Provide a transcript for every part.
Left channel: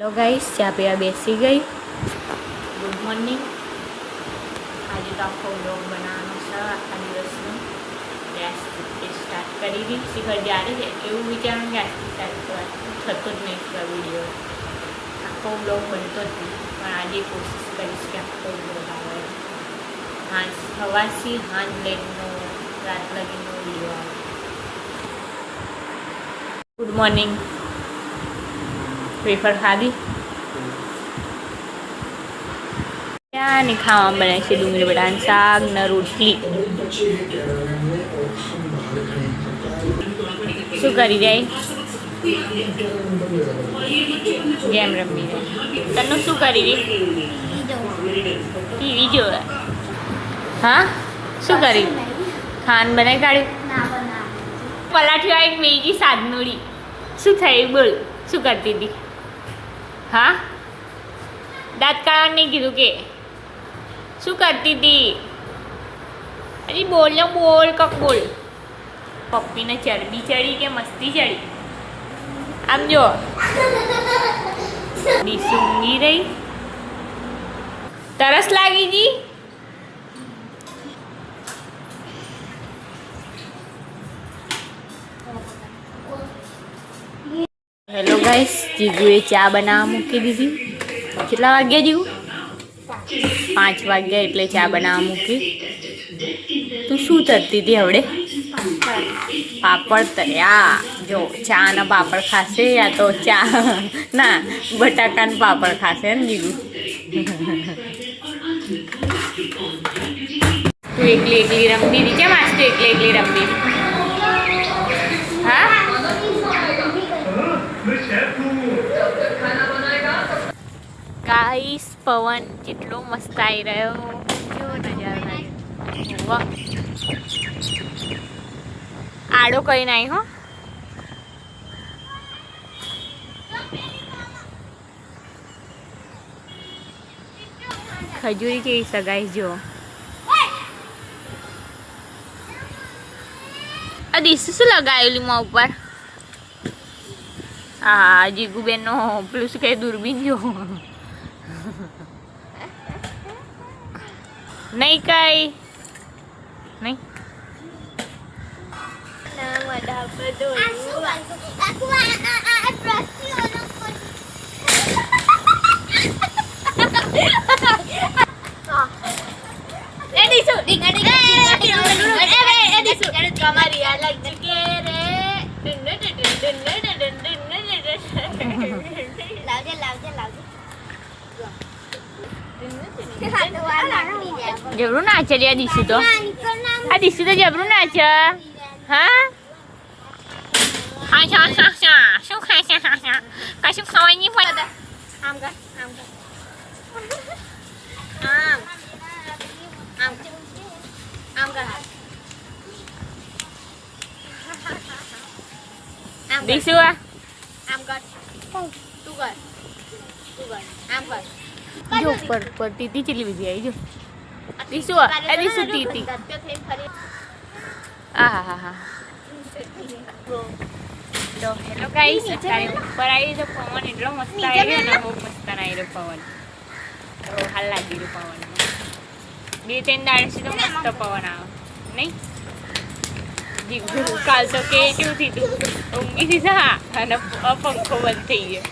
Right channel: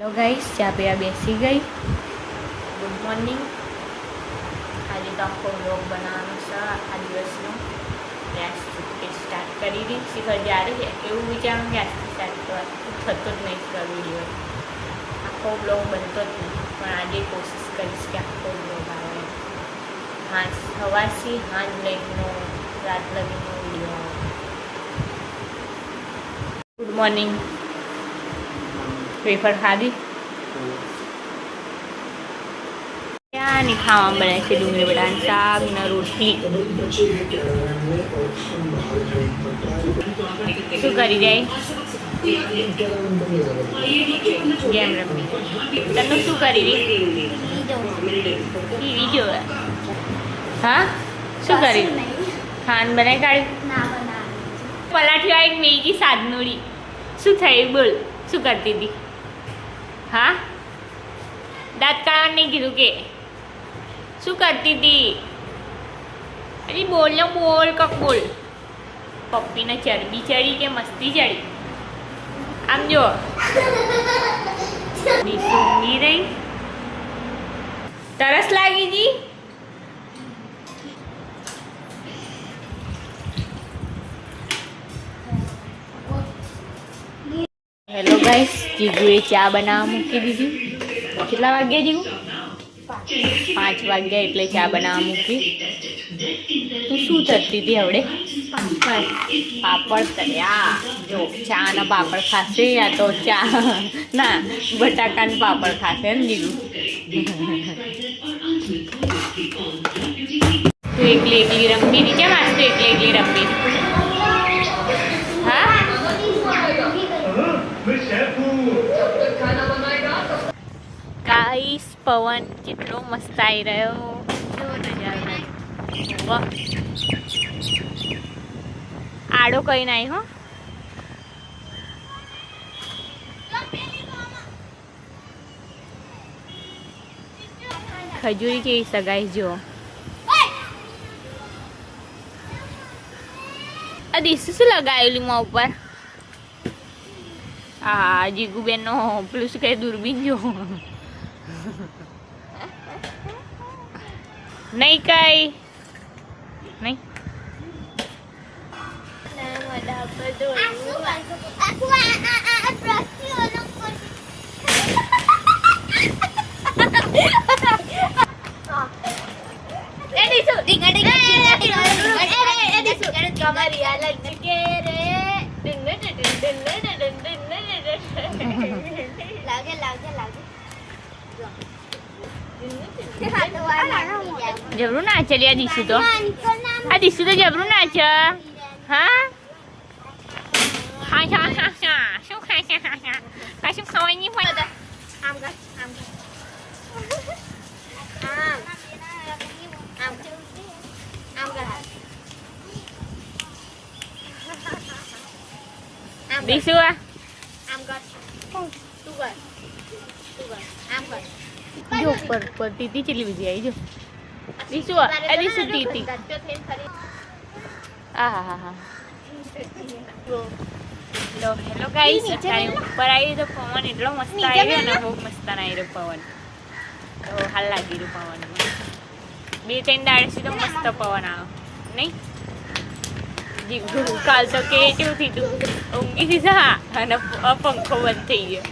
Hello guys, चા પીવા બેસી ગઈ. Good morning. આજે તો આખો વ્લોગ બનાવવાનો છે. આખા દિવસનો સ્ટાર્ટ કરી દીધી. શિખર જ્યારે એવું વિચારું કે આજથી સ્ટાર્ટ કરવા થતો જ નહીં છે વિડીયો. આખો વ્લોગ બનતો જ નહીં, પણ આજે કોશિશ કરીશ કે આખો વ્લોગ આવે. સવારથી સાંજ લગીનો રાત લગીનો વિડીયો આવે. Good morning. વેફર ખાધી. ત્યાંની ખાવા બનાવે છે ડુંગળી બટાકાનું શાક ને રોટલી. શું કરી જાય? ગેમ રમી. તને શું કરી ટીવી જોવે? હા, શું કરી? ખાન બનાવી કાઢ્યું. પલાઠી વાળી મેગી સાદનોડી. શું થયું બોલ? શું કરતી હતી? હા, દાંત કાઢવાનું નહીં કીધું કે? શું કરતી હતી? અરે બોલ ને બોલ, કક બોલ. પપ્પીને ચરબી ચડી કે મસ્તી ચડી? આમ જો ઊંઘી રહી. તરસ લાગી ગઈ. હેલો ગાઈસ, જીગુએ ચા બનાવવા મૂકી દીધી. કેટલા વાગ્યા જીગુ? 5 વાગ્યા એટલે ચા બનાવવા મૂકી. તું શું તરતી હતી હવડે? પાપડ તર્યા. જો ચા ના પાપડ ખાશે યા તો ચા ના બટાકાના પાપડ ખાશે ને જીગુ? તું એકલી એકલી રમતી હતી. કેમ આજ તું એકલી એકલી રમતી હતી? હા, ગાઈસ પવન કેટલો મસ્ત આવી રહ્યો. જો નજારો. વાહ, આડો કઈ નહીં હો. ખજૂરી કેવી સગાઈ જો. આ દિવસે શું લગાવેલું માં ઉપર? હા, જીગુબેન નો પેલું શું કહે દૂરબીન જો. નહીં કઈ નહીં. જબરું ના ચાલી આ દીસુ તો. આ દીસુ તો જબરું ના છે. હા, શું ખાય છે? કશું ખાવાય નહીં પડે. દીસુ જો પર તીતી ચલી બધી આવી જો. દીસુ દીસુ તીતી. હા હા હા. તો હેલો ગાઈસ, ઉપર આવી તો પવન એટલો મસ્ત આવ્યો ને, બહુ મસ્ત આવ્યો પવન. તો હાલ લાગી રહ્યું પવન. 2-3 દાડેથી તો મસ્ત પવન આવ્યો નહીં? કાલ તો કેવું થયું? ઊંઘી દીધા અને પંખો બંધ થઈ ગયો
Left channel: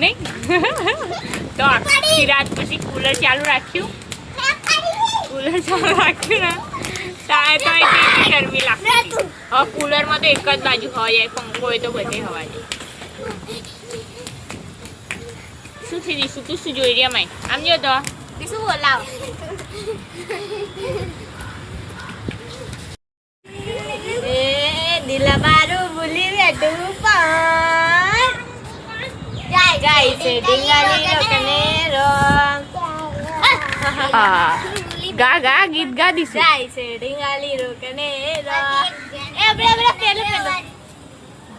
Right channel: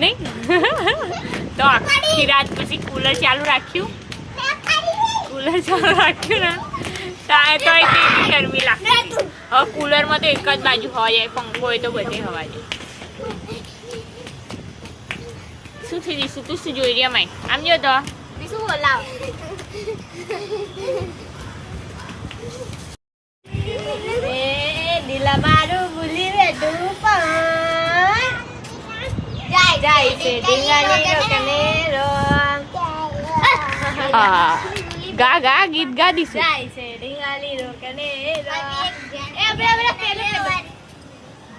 નહીં? તો આખી રાત પછી કુલર ચાલુ રાખ્યું ને તારે તો કેટલી ગરમી લાગતી. હવે કુલરમાં તો એક જ બાજુ હવા જાય, પંખો હોય તો બધે હવા જાય. શું થઈ દીશું? તું શું જોઈ રહ્યા? માય આમ જો તો શું બોલાવ. દિલા મારું ભૂલી બેઠું પણ જાય છે ડીંગાલી કનેરો. ગા ગા ગીત ગા દીશું. જાય છે ડીંગાલી રોકનેરો.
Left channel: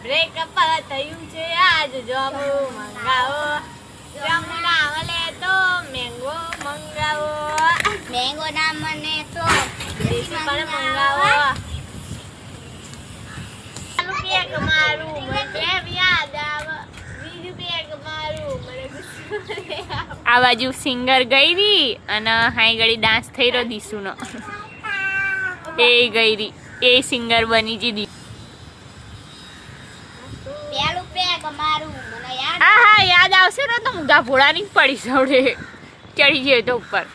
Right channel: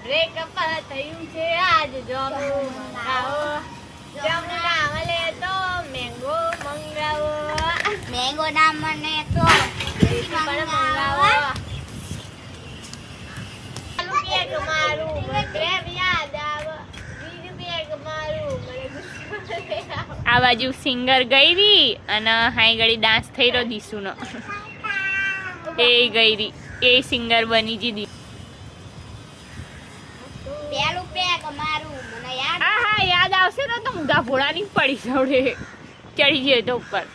બ્રેકઅપ થયું છે આજ જામુ મંગાવો. જામુ ના મળે તો મેંગો મંગાવો. મેંગો ના મને તો મંગાવો. મારું યાદ આવે. બીજું બેગ મારું આ બાજુ સિંગર ગઈ રહી અને હાઈ ઘડી ડાન્સ થઈ રહ્યો દીસુનો. એ ગઈ રહી એ સિંગર બની જી. હા હા યાદ આવશે ને તો મુગા ભોળાની પડી સવડે ચડી જઈએ તો ઉપર.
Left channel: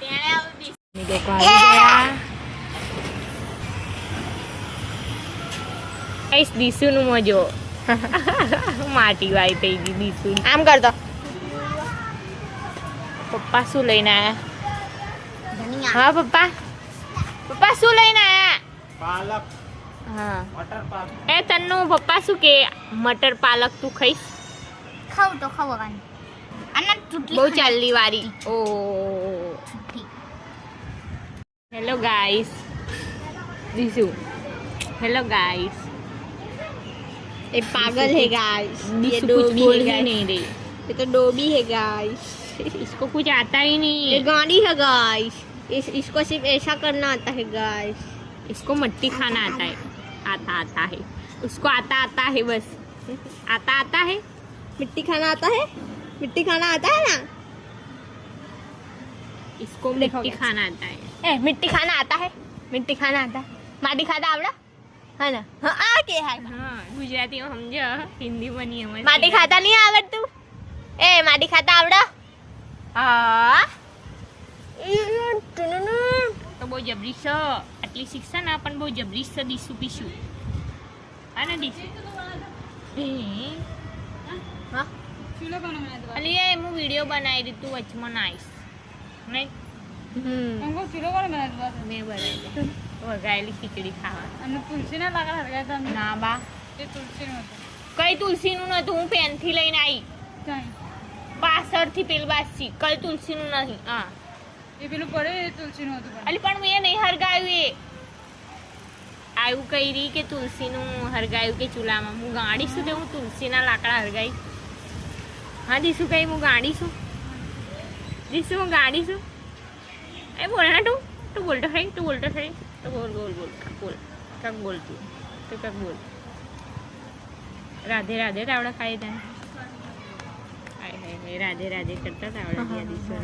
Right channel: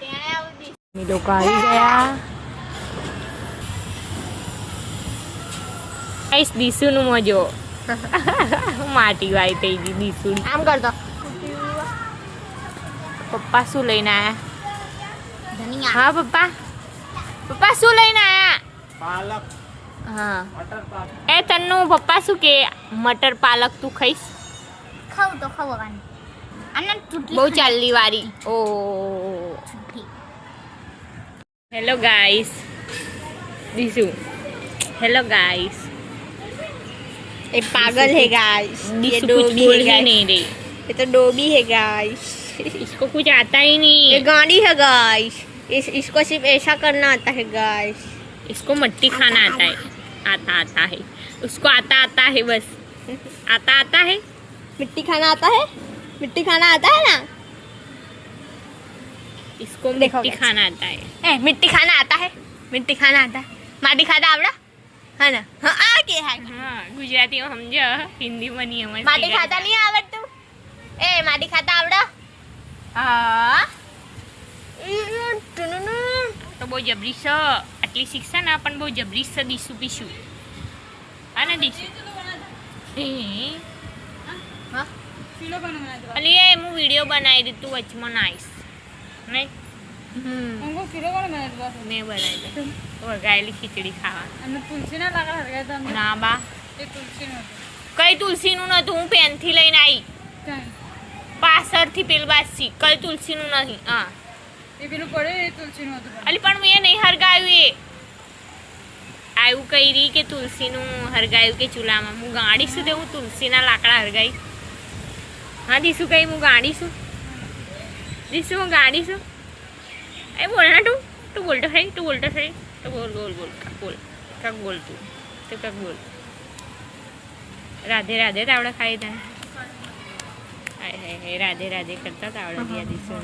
લોકો આવી ગયા. કઈશ દીસુનું મજો. માટી વાય થઈ ગઈ દીસુ. આમ કરતો પપ્પા શું લઈને આયા? હા પપ્પા પપ્પા શું લઈને આયા? પાલક. હા મટર પાલક. એ તન્નું પપ્પા શું કે મટર પાલક તું ખાઈશ? ખાવ તો ખાવાની અને બહુ ચાલલી વારી. ઓ હેલો ગાઈસ દીસુ. Hello guys. ये पागल है गाइस. दिसु कुछ बोल ही नहीं रही. ये तो डोबी है गाइस. इसको कुछ आता ही नहीं. ये गाड़ी है गाइस. इसको सिर्फ ऐसा करना आता है गाइस. इसको मट्टी खाना आता है. आता है उसको आता है बस. आता है. मिट्टी खाना आता है. मिट्टी खाना आता है ना. इसको मिट्टी खाना आता है. मिट्टी खाना आता है. मिट्टी खाना आता है. माटी खाता आवड़ा है ना. हाँ आ के है. हाँ गुजराती में समझो हिंदी में नहीं समझ. माटी खाता नहीं आवड़તું. ए माटी खाता आवड़ा. हाँ તો બહુ જબરી છે આટલી શિક્ષા ના પણ બહુ જબરી છે દીસુ પીશું. હા ને દીસુ? હા અલી એ હું વિડીયો બનાવી દીધું વચમાં નાઈશ નહીં. મેં બનાવી દઉં વગાયેલી ખીચડી ખાવા. ના બા કઈ તુલસીનું નતું. હું પેનથી લઈને આવી પાછળથી પેલી બાજથી. કઈ તુલસીનું નહીં. હા અલી પણ મેં નહીં હરગાયું. એ આવું કહી રહી કે તુલસીનું હરગાયું કે ચૂલામાં. હું ગાડીશું તે હું તુલસીના લાકડા હરગાઈ. હા દીસુ કઈ હું ગાડીશું. દીસુ હું ગાડીશું. એ બોલ ના તું બોલતો થઈ. તું બોલતો થઈ. તો બોલ બોલ બોલ કાક બોલ. કાક બોલ તું તો કાક બોલ. રાધે રાધે તાવડા ખાઈ તને. હે રાધે રાધે કરતા તાવડા દિયા દીસુ.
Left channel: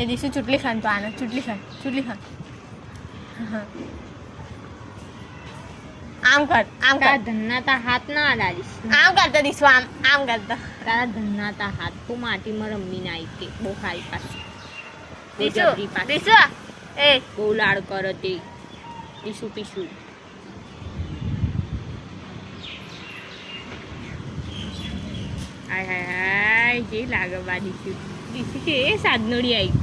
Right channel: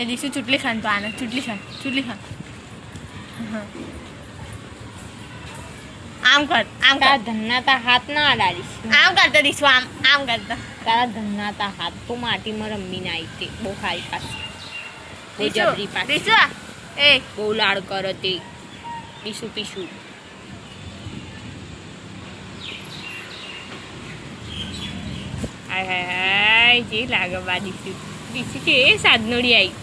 એ દીસુ ચૂટલી ખાન તો આને ચૂટલી ખાન. આમ કર તારા ધન્નાતા હાથ ના અડાડીશ. આમ કરતો દીસુ આમ કરતો. તારા ધન્નાતા હાથ તો માટીમાં રમીને આવી તે બહુ ખાઈ પાછી. બહુ જબરી પાછી. દીસુ એ બહુ લાડ કરે તે પીશું પીશું. હાય હાય હાય જે લાગે બા દીસુ. દીસુ કે એ સાધનોડી આવી.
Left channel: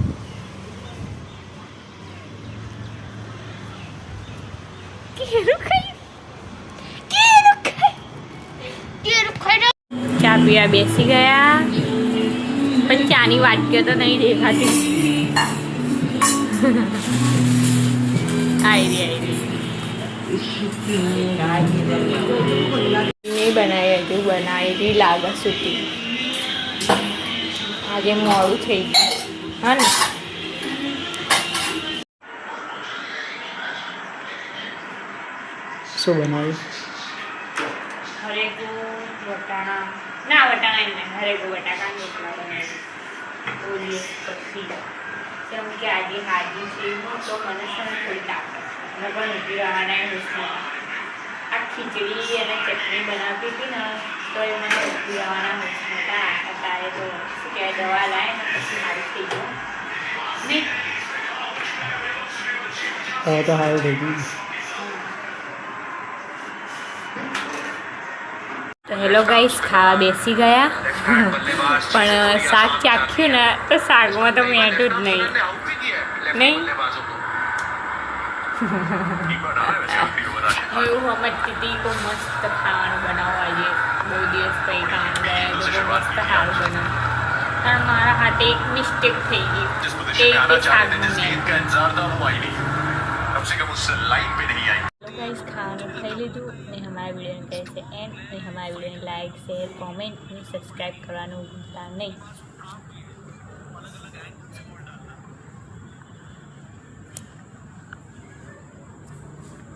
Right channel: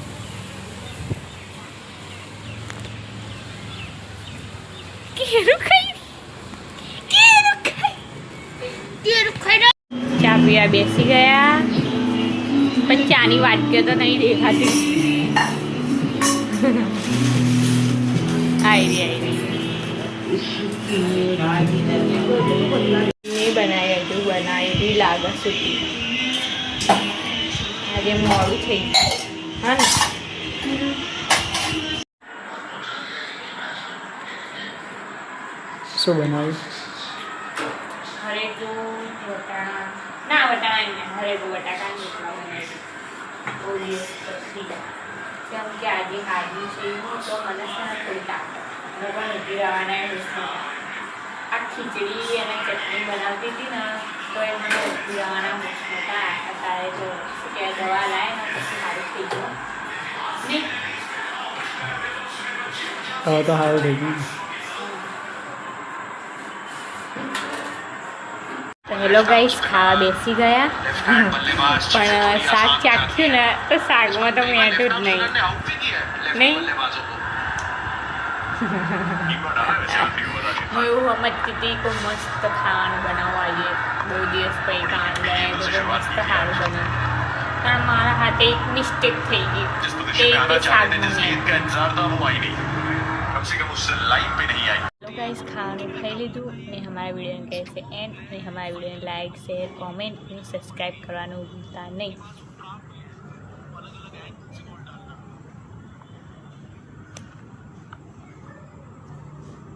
ચા પીવા બેસી ગયા પણ ચાની વાટકીઓ તો નહીં દેખાતી. આયરી બનાવી લાગે સૂકી. આજે મોડું થઈ ગયું. હા ને શું બનાવ્યું? હરેકો વટાણા ના વટાણા નહીં હરેકો બટાકા રોટલા બનાવી. બહુ દિવસ પછી કેમ કે આજે હાજી છે હું તો મને છે ને થોડી તાકાત લગન ઉભી રહેવાના હોશમાં. આ ખીચડી અને ચટણી બનાવતી હતી ને તો એ મને ઉભી રહેવાના હોશમાં હતા. અત્યારે તો શું કહેવાય દવા લાવે ને પછી સારું થઈ ગયું નહીં. હવે તો સારું થઈ ગયું. તો હેલો ગાઈસ ખાવા બેસી ગયા પણ શાક ચાખ્યું ને તો શાકમાં તો મેઠું જ નહીં. હું એવું સમજતી હતી કે મસ્ત ખાવાનું બનાવવા આવીએ. બહુ દિવસ પછી ખાવાનું બનાવ્યું તો મસ્ત સારું બનાવ્યું. પણ મારા હાથે એક મિસ્ટેક થઈ ગઈ. તે શાકમાં गाइस खाना खाई लीधું ને हमारे वीडियो ने कैसे एंड ने हमारे वीडियो ने लाइक शेयर कमेंट और सब्सक्राइब करवाना भूलता नहीं.